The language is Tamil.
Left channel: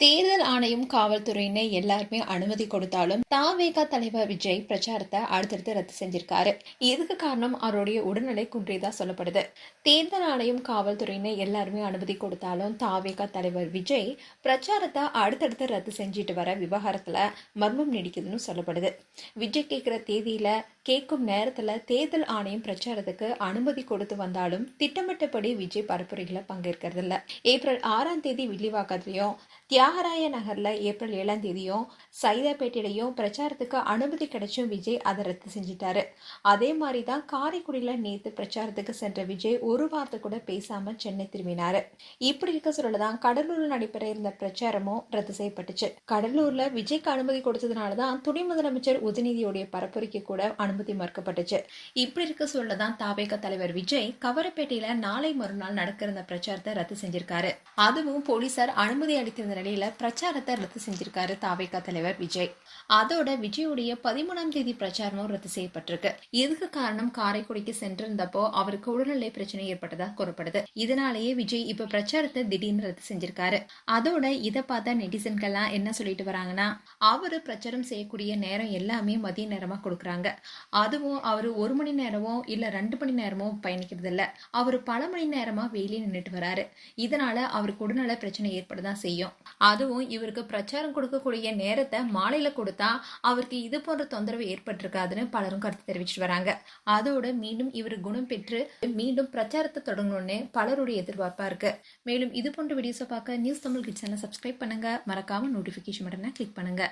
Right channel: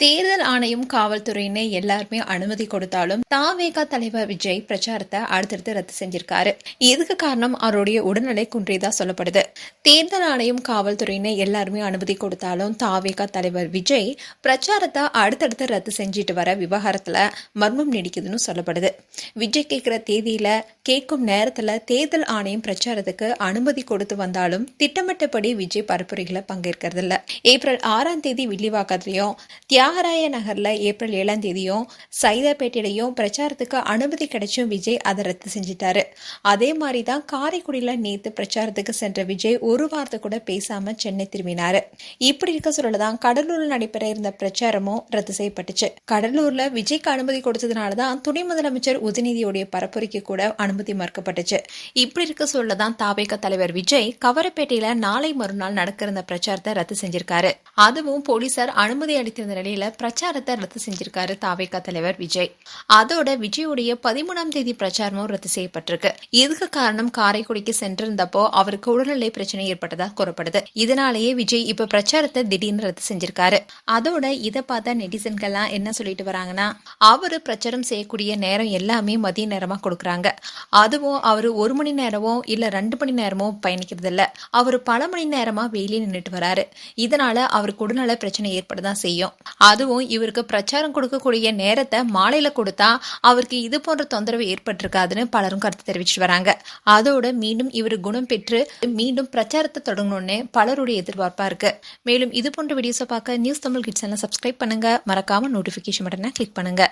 தேர்தல் ஆணையம், காவல்துறையினர் எல்லாருமே அனுமதி கொடுத்தாலும் தாவேகா தலைவர் விஜய் பிரச்சாரத்தை அடுத்தடுத்து ரத்து செஞ்சிருக்காரு. இதுக்கு காரணம் அவருடைய உடல்நிலை குன்றியதா சொல்லப்படுது. தேர்தல் ஆணையம், காவல்துறையினர் எல்லாருமே அனுமதி கொடுத்தாலும் தாவேகா தலைவர் விஜய் பிரச்சாரத்தை அடுத்தடுத்து ரத்து செஞ்சிட்டு வர விவகாரத்துல மர்மம் நீடிக்குதுன்னு சொல்லப்படுது. விஜய் கேட்கிற தேதியில கேட்கும் நேரத்துல தேர்தல் ஆணையம் பிரச்சாரத்துக்கு அனுமதி கொடுத்து வந்தாலும் திட்டமிட்டபடி விஜய் பரப்புரைகளை பங்கேற்கிறது இல்ல. ஏப்ரல் 6ஆம் தேதி வில்லிவாக்கத்திலையும், தியாகராய நகர்ல ஏப்ரல் 7ஆம் தேதியும், சைதாப்பேட்டையிலையும் பிரச்சாரத்துக்கு அனுமதி கிடைச்சும் விஜய் அதை ரத்து செஞ்சிட்டாரு. அதே மாதிரி தான் காரைக்குடியில நேத்து பிரச்சாரத்துக்கு சென்ற விஜய் ஒரு வார்த்தை கூட பேசாம சென்னை திரும்பினாரு. இப்படி இருக்க சொல்லதான் கடலூர்ல நடைபெற இருந்த பிரச்சாரமும் ரத்து செய்யப்பட்டுச்சு. கடலூர்ல விஜய்க்கு அனுமதி கொடுத்ததுனாலதான் துணை முதலமைச்சர் உதயநிதியுடைய பரப்புரைக்கு கூட அனுமதி மறுக்கப்பட்டுச்சு. இப்படி இருக்க சொல்லதான் தாவேகா தலைவர் விஜய் கவரப்பேட்டையில நாளை மறுநாள் நடக்க இருந்த பிரச்சாரத்தை ரத்து செஞ்சிருக்காரு. அதுவும் போலீசார் அனுமதி அளித்திருந்த நிலையில பிரச்சாரத்தை ரத்து செஞ்சிருக்காரு தாவேகா தலைவர் விஜய். அதோட விஜயுடைய 13ஆம் தேதி பிரச்சாரமும் ரத்து செய்யப்பட்டிருக்கு. இதுக்கு காரணம் காரைக்குடிக்கு சென்றிருந்தப்போ அவருக்கு உடல்நிலை பிரச்சனை ஏற்பட்டதா கூறப்படுது. இதனாலேயே விஜய் இப்ப பிரச்சாரத்தை திடீர்னு ரத்து செஞ்சிருக்காரு. அதோட இதை பார்த்த நெட்டிசன்கள்லாம் என்ன சொல்லிட்டு வராங்கன்னா, அவரு பிரச்சாரம் செய்யக்கூடிய நேரம் எல்லாமே மதிய நேரமா கொடுக்குறாங்க. அதுவும் அவரு 1 மணி நேரமோ இல்ல 2 மணி நேரமோ பயணிக்கிறது இல்ல. அவரு பல மணி நேரமா வெயிலே நின்றுட்டு வராரு. இதனால அவருக்கு உடல்நல பிரச்சனை ஏற்படதான் செய்யும். அதுவும் இவருக்கு பிரச்சாரம் கொடுக்கக்கூடிய நேரத்தை மாலையில கொடுத்தா அவருக்கு இது போன்ற தொந்தரவு ஏற்பட்டிருக்காதுன்னு பலரும் கருத்து தெரிவிச்சுட்டு வராங்க. அதோட மீண்டும் இவர் குணம் பெற்று மீண்டும் பிரச்சாரத்தை தொடங்கணும்னு பலருடைய எதிர்பார்ப்பா இருக்கு. மேலும் இது போன்ற வீடியோஸை பார்க்க நியூஸ் தமிழ் கிட்ஸ் எல்லாம் சப்ஸ்கிரைப் பண்ணுங்க. மறக்காம நோட்டிபிகேஷன் பட்டனை கிளிக் பண்ணுங்க.